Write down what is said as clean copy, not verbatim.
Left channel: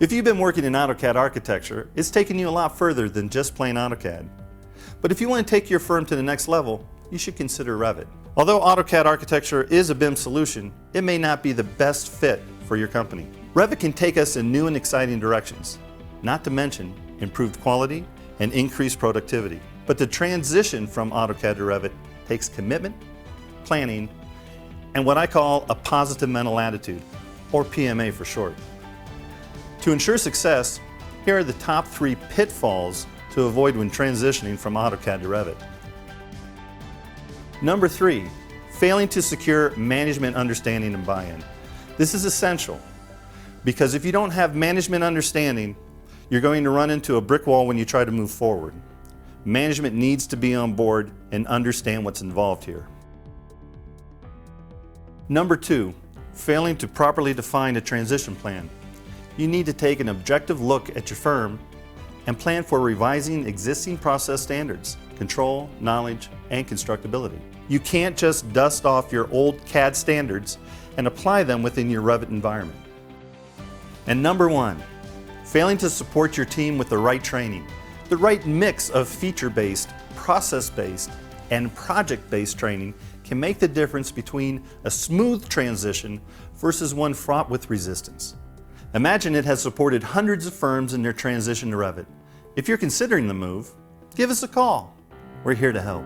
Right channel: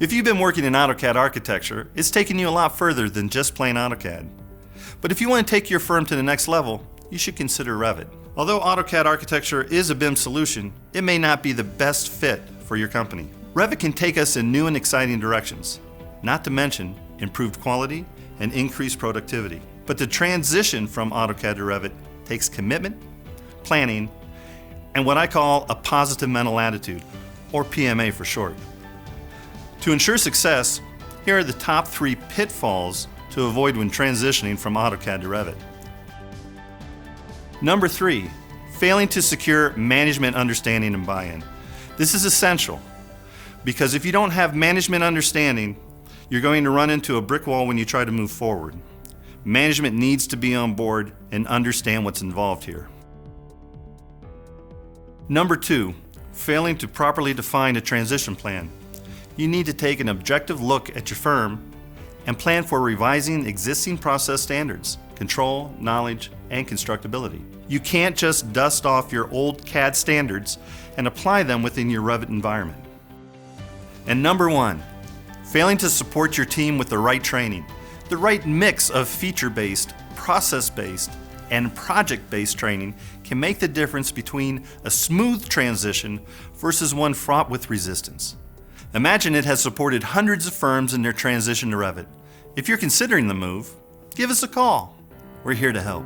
If you've been working in AutoCAD Architecture, it's taken you a lot further than just plain AutoCAD. But if you want to take your firm to the next level, you should consider Revit. Although AutoCAD Architecture is a BIM solution, it may not be the best fit for your company. Revit can take us in new and exciting directions, not to mention improved quality and increased productivity. But the transition from AutoCAD to Revit takes commitment, planning, and what I call a positive mental attitude, or PMA for short. To ensure success, here are the top 3 pitfalls to avoid when transitioning from AutoCAD to Revit. Number 3, failing to secure management understanding and buy-in. This is essential because if you don't have management understanding, you're going to run into a brick wall when you try to move forward. Management needs to be on board and understand what's involved here. Number 2, failing to properly define a transition plan. You need to take an objective look at your firm and plan for revising existing process standards, control, knowledge, and constructability. You can't just dust off your old CAD standards and apply them within your Revit environment. And number 1, failing to support your team with the right training. The right mix of feature-based, process-based, and project-based training can make the difference between a smooth transition versus one fraught with resistance. Imagine it has supported hundreds of firms in their transition to Revit. If you're considering the move, give us a call. We're here to help.